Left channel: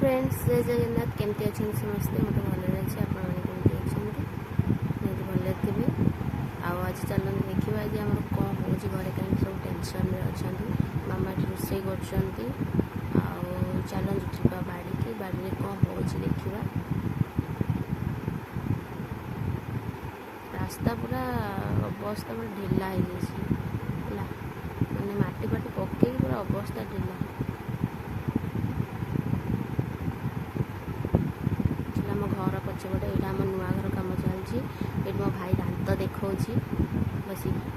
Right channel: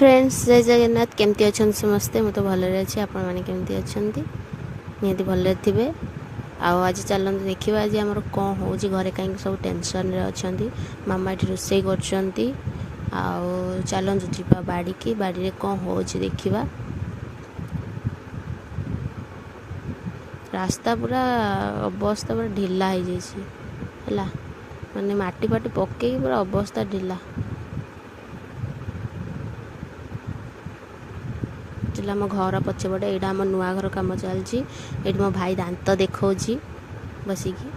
Friends जय जगन्नाथ केमती अच्छा समस्ते मुझे भल अच्छे आपण मैंने केमती अच्छा निहती भल थे आज चलते देखा आज आम कौन हो घरे कहीं सब टेंशन अच्छा मामा ये रोसे कर चलतु जा बाड़ी की बाड़ी कौन हो देखा रास्ता पूरा अवस्था पूरा ढिला हो जाए माने माटी फाटी पकई पूरा अवस्था ढिला आम घर पछपटे यहाँ आम नुआ घर कम चलती ये मो भाई दांत देखा बसिकी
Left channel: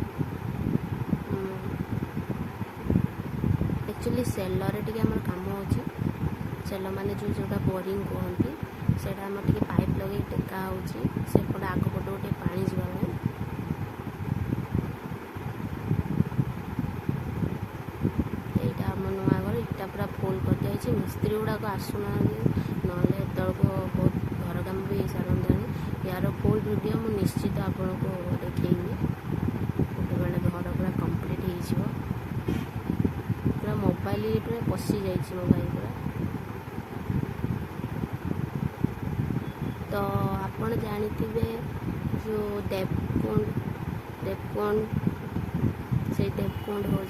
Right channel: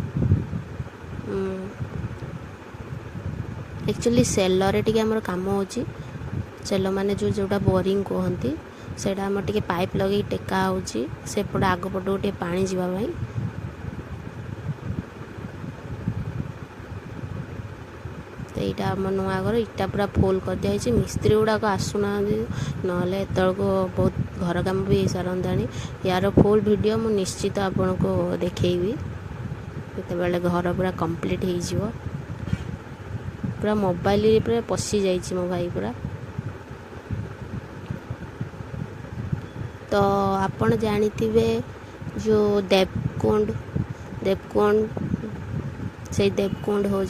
एक्चुअली सेलर टे आम कम हो सेल माने जोटा बोरिंग कहती से पाइप लगे टेका होपटे आग पट गोटे पानी जावाई यहाँ आम नुआ घर इटा पूरा फुल कर दिखाई मिस्त्री गुड़ाक आसुना ना एतक बहुत घर कम भी हो सारंता यार फुल वीडियो मु निश्चित आपन को देखी बेले घर पूरा कंप्लीट हो पूरा मोबाइल पूरा पशि जाइए मो भाई पूरा तो आपण जानी जो देवकुंड से देवकुंड हो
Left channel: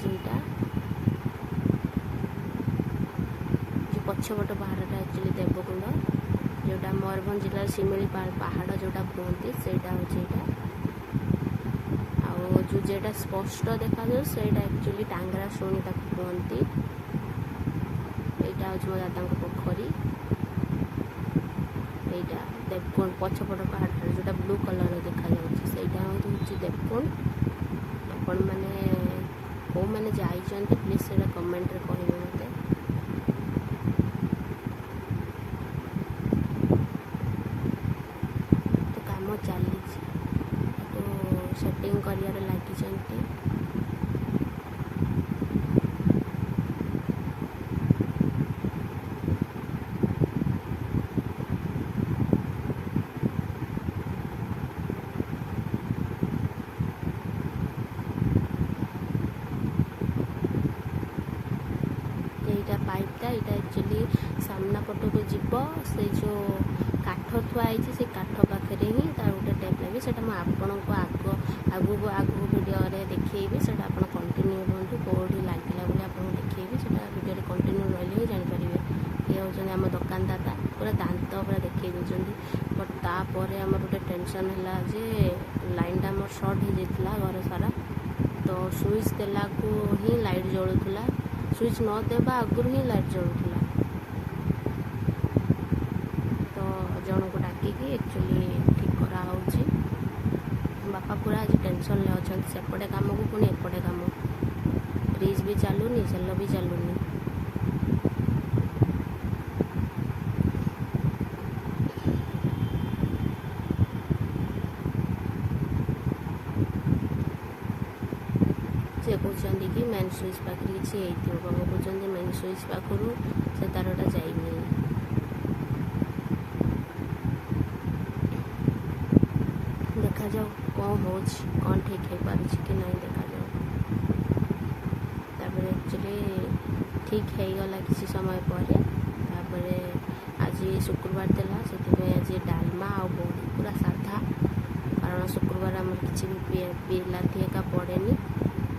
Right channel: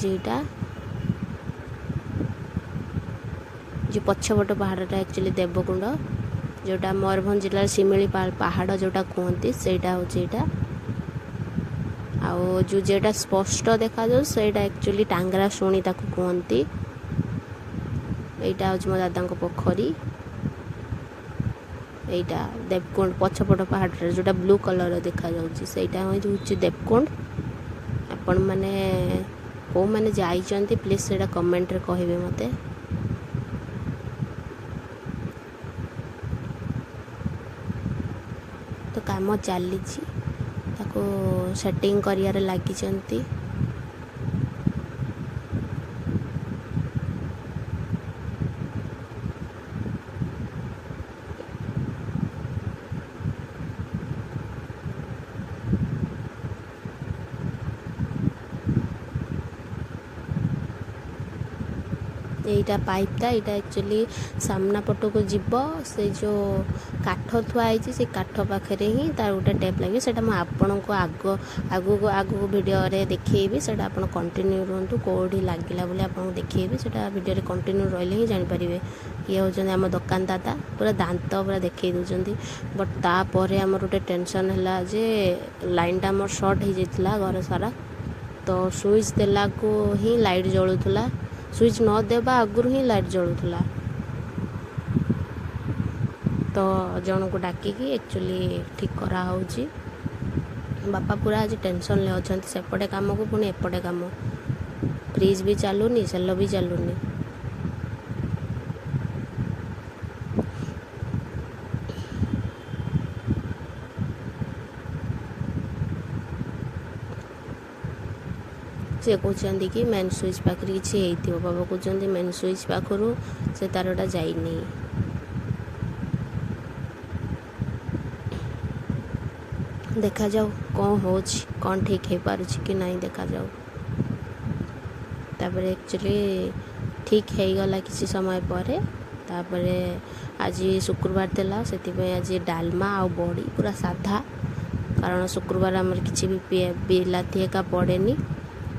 जो पछपट पहाड़टा एक्चुअली देवकुंड जोटा मयूरभंज जिला शिमिली पहाड़ जोटा कहते सेटा होटा जो जेटा स्पष्ट देखा जो सेटा एक्चुअली टांगरा शुणी ताको कहती यहाँ हूँ मो दादा पोखरी यहाँ देवकुंड पछपट पहाड़ जोटा ब्लू कलर देखा जाटा हूँ देवकुंड आपण मैंने कौ मैंने जाइए प्लीज से कमेंट रे कहे मते तो काम चली सेटिंग कर लगी यहीटा पाइपटा यहाँ एक्चुअली सामना पट को जीव से जो काठ थुआई से काठ पाखे ही तार गोटे टेप लगे से आपण को आगू वीडियो देखी से कंटिन्यू रुहतु कौटी लगे बोले आपको देखी से वीडियो कंटिन्यू रही ही जापर ये हूँ आम दुकान दादा पूरा दांत पूरा देखई दौरान बट तापर आम गोटे टेंशन है जे लाइनटा आम सर्ट हो जाता घर सारा तो स्विच देला को ही लाइट जलूला स्विच न देवा आगुरी ही लाइट जलूला तो जन को डाकिकी एक्चुअली ठीक करा बापा पूरा आज टेंशन ले अच्छा सेपटे काम को पुणी एपटे काम फ्रिज भी चलूनी सेल भी चलूनी से कहते कि मेन स्विच पाखे किसी बाबा कहते मेन स्विच पाखु से तारटा जाइनी देखा जाओ कौन हो कौन ठीक हो पारुछि कि नहीं देखा जाओ तापर एक्चुअली ठीक हो गला किसी समय पर तापर आज शुक्रवार देला से आज डालमा आ बड़ी पूरा साधा कारण शुक्रवार आमर किसी भी बिलाती एका पड़ेनी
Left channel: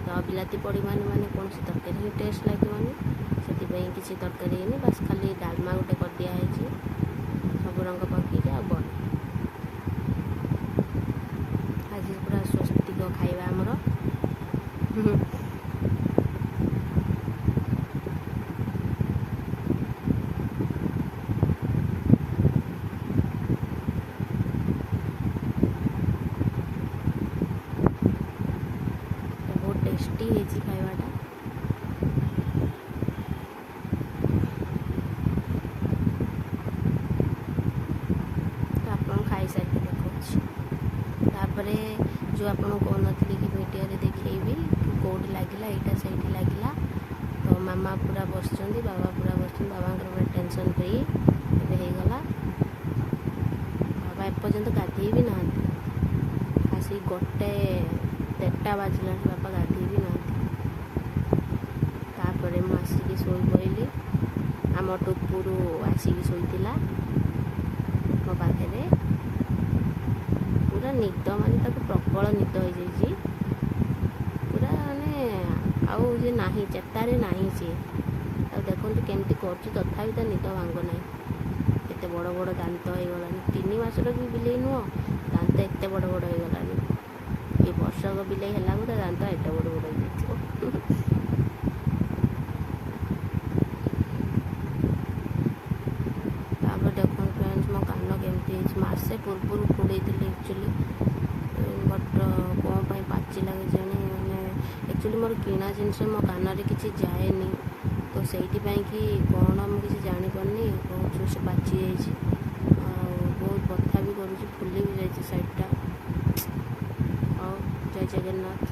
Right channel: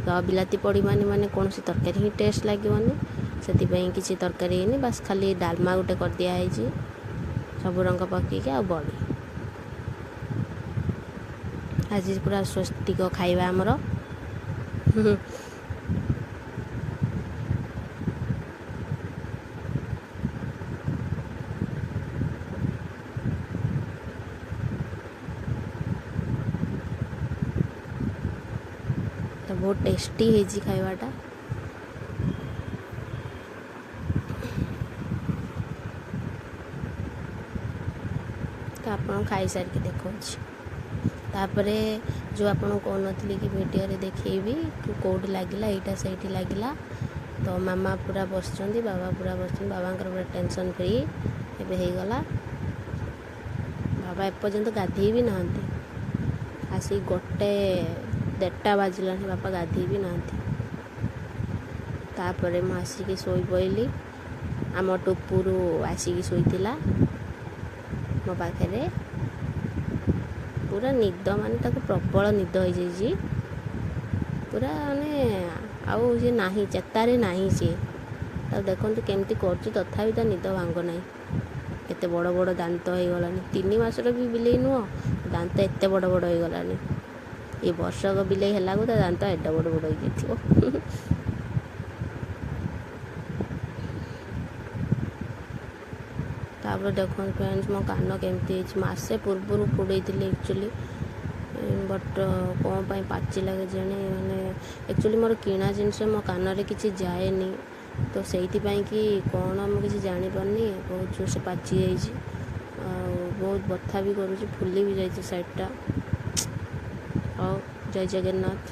तो बिलाती पड़ी माने कौन सी तरकारी ही टेस्ट लगे से किसी तरकारी नहीं बस खाली डालमा गोटे कर दिखाई सब रंग पकईक आ बड़ी आज पूरा स्वस्तिक खाଇବା आमर तो बहुत टेस्टी है खाइबाटा तो आप खाई सारिक देखा तापर जो आपन कहती कि वीडियो देखी कौटी लगे यहाँ से लगे तो मामा पूरा बस बाबा पूरा बस बाबा पूरा टेंशन फ्री एगला बाबा एपर्यंत गाधे भी ना आसिक गोटे 1:30 बाजिला बापा गाधे भी ना तापर मुझे आसिक शोई पड़ी ଆମ ଟୁପୁରୁ ଆସିକି ଶୋଇଥିଲା ମୋ ପାଖରେ। ପୁରା ନିଦ ମାନେ ତାକୁ ପ୍ରବଳ ନିଦ ହେଇଯାଇଛି ପୁରା, ମାନେ ଆଉ ସେ ନାହିଁ, ଚେତାରେ ନାହିଁ ସିଏ। ତାକୁ ଦେଖନ୍ତୁ କେମିତି କରୁଛି, ତଥାପି ତା ନିଦ ଭାଙ୍ଗ ନାହିଁ। ଏତେ ବଡ଼ ବଡ଼ ଦାନ୍ତ ହେଇଗଲାଣି, 3 ମାସର ବି ବିଲେଇ ନୁହଁ, ଦାନ୍ତ ଏତେ ବଡ଼ ବଡ଼ ହେଇଗଲାଣି। ଏ ବର୍ଷକ ବିଲେଇ ହେଲାକୁ ତା ଦାନ୍ତ ଏତେ ବଡ଼ ବଡ଼ ହେଇଯାଇଥିବ। ତାପରେ ଦେଖନ୍ତୁ ଫ୍ରେଣ୍ଡସ୍, ମୋ କାନ କେମିତି ହେଇଛି। ମାସେ ପୂର୍ବରୁ କୁଣ୍ଡେଇଥିଲି ଆକ୍ଚୁଆଲି, ବଟ୍ କ'ଣ ପାଇଁ ପାଚିଲା କେଜାଣି। ମାନେ ଆକ୍ଚୁଆଲି ମୋର କିଣା ଜିନିଷ ମୋ କାନରେ କିଛି ଯାଏନି, ତ ସେଇଥିପାଇଁ କି କ'ଣ ମୁଁ କିଛି ଜାଣିପାରୁନି, ବହୁତ ଜୋରସେ ପାଚି ଯାଇଛି। ଆଉ ବହୁତ ବଥା ବି କରୁଛି, ଫୁଲି ବି ଯାଇଛି ସାଇଡ଼୍ଟା। ହଉ, ଜୟ ଜଗନ୍ନାଥ।